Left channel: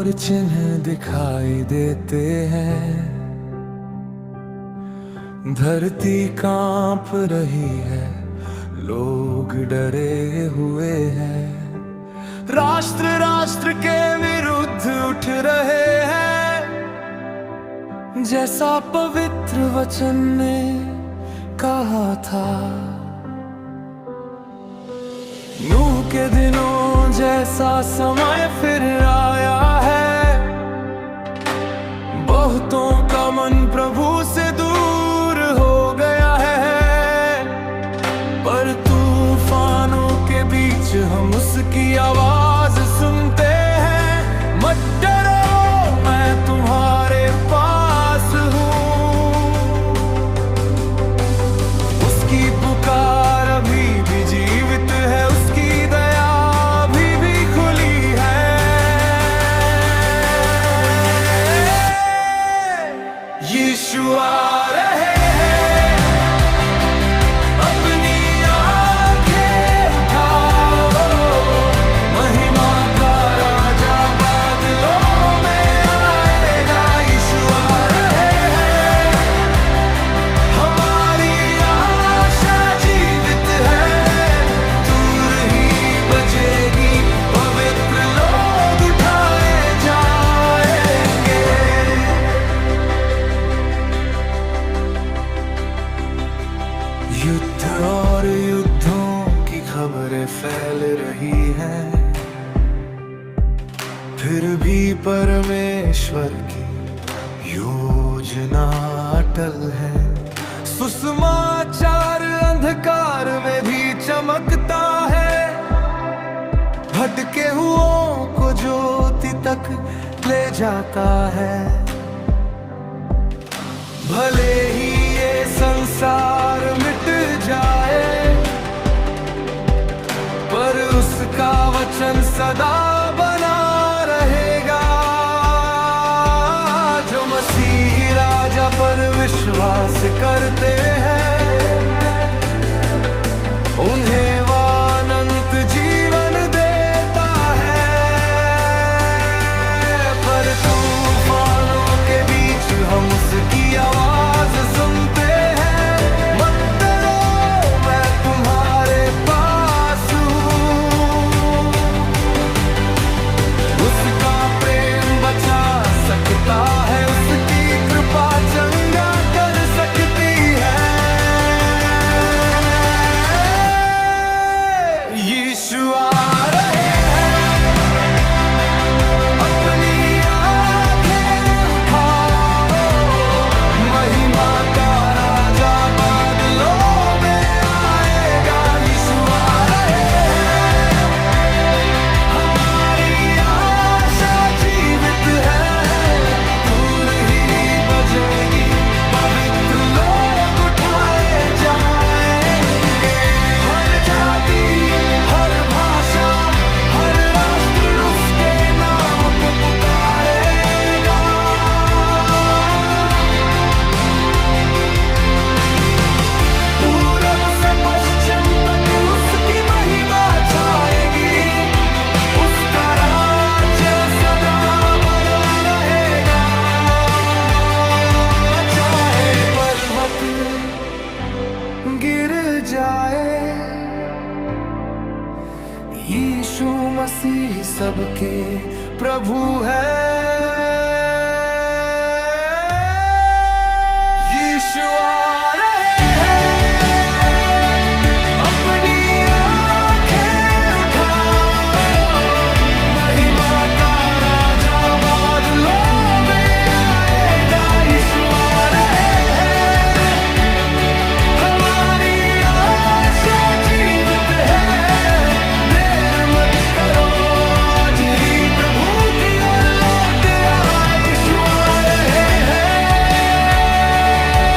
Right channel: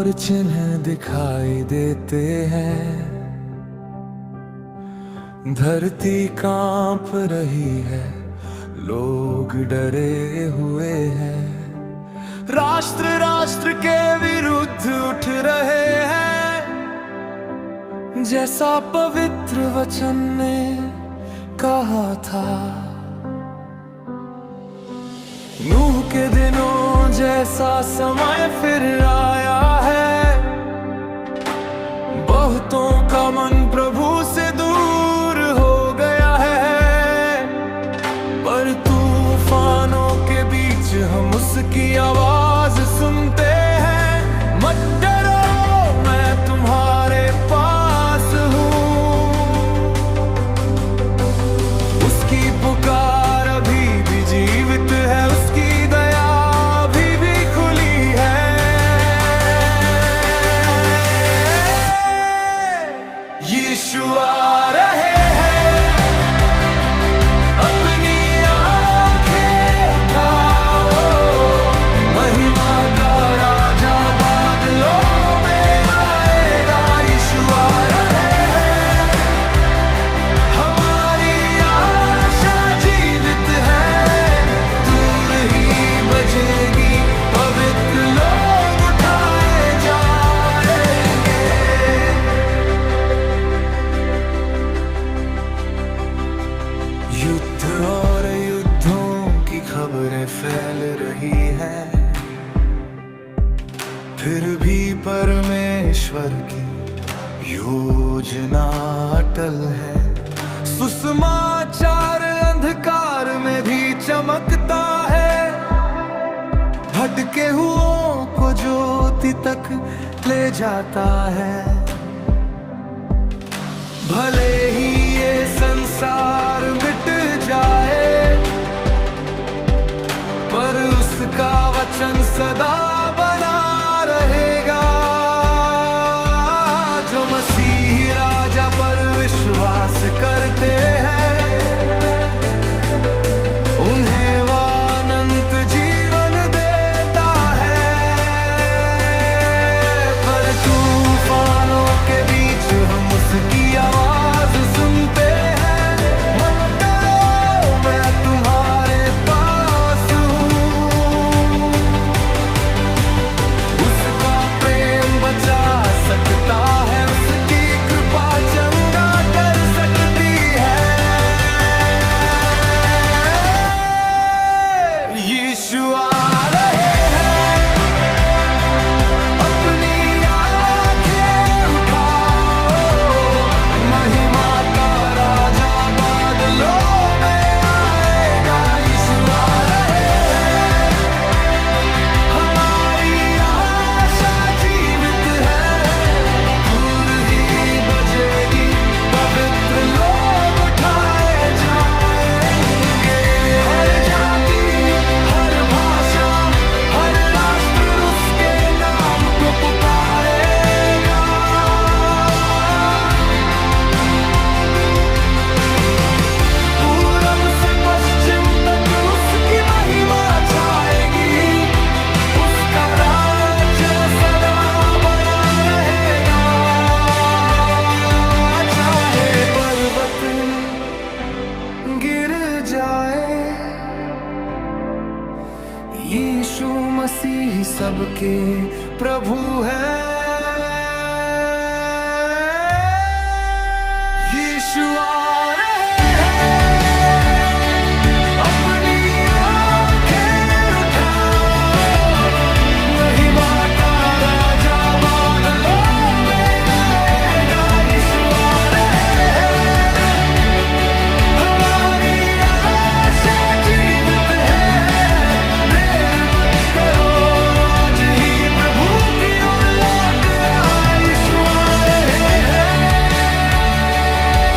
और चिन्ह दिखाई देते हैं। धरती कांप रही है, लोग डरे हुए हैं। राष्ट्र राष्ट्र के विरुद्ध उठ रहे हैं, जैसा पवित्र वचन ने कहा था। नूह के दिनों जैसा समय फिर आया है। बहुतों का मन प्रभु से दूर हो गया है, पर तूफानों के बीच हम उसकी आवाज सुनते हैं। मत डरो, मैं तुम्हारे पास हूँ। उसकी पुकार अभी भी जीवित है, उसकी दया अभी भी खुली है। यीशु आ रहे हैं, अपनी आंखें उठाओ। महिमा का राजा बादलों में आएगा। यीशु आ रहे हैं, हमारी आशा जीवित है। दूर ही बजेगी, पवित्र लोग उठाए जाएंगे। युद्ध और युद्धों की खबरें फैल रही हैं, फिर भी परमेश्वर की योजना अटल है। सुसमाचार अंधकार में भी चमकता है, भटके हुओं को ज्योति तक ले जाता है। भले ही ये संसार मिट जाए, पर उसका वचन सदा बना रहेगा। जो मसीह राजा पर विश्वास करते हैं, उन्हें वो अनंत जीवन देता है। पर तूफानों के बीच हम उसकी आवाज सुनते हैं। मत डरो, मैं तुम्हारे पास हूँ। उसका प्रेम बचा सकता है, उसकी कृपा चंगा कर सकती है। यीशु आ रहे हैं, अपनी आंखें उठाओ। महिमा का राजा बादलों में आएगा। यीशु आ रहे हैं, हमारी आशा जीवित है। दूर ही बजेगी, पवित्र लोग उठाए जाएंगे। हर जाति, हर भाषा, हर राष्ट्र उसके नाम को पुकारेगा। पूरब से पश्चिम तक उसकी महिमा छाएगी। उसका राज्य सदा बना रहेगा। चाहे पर्वत गिर जाए, यीशु मसीह सबके प्रभु है। यीशु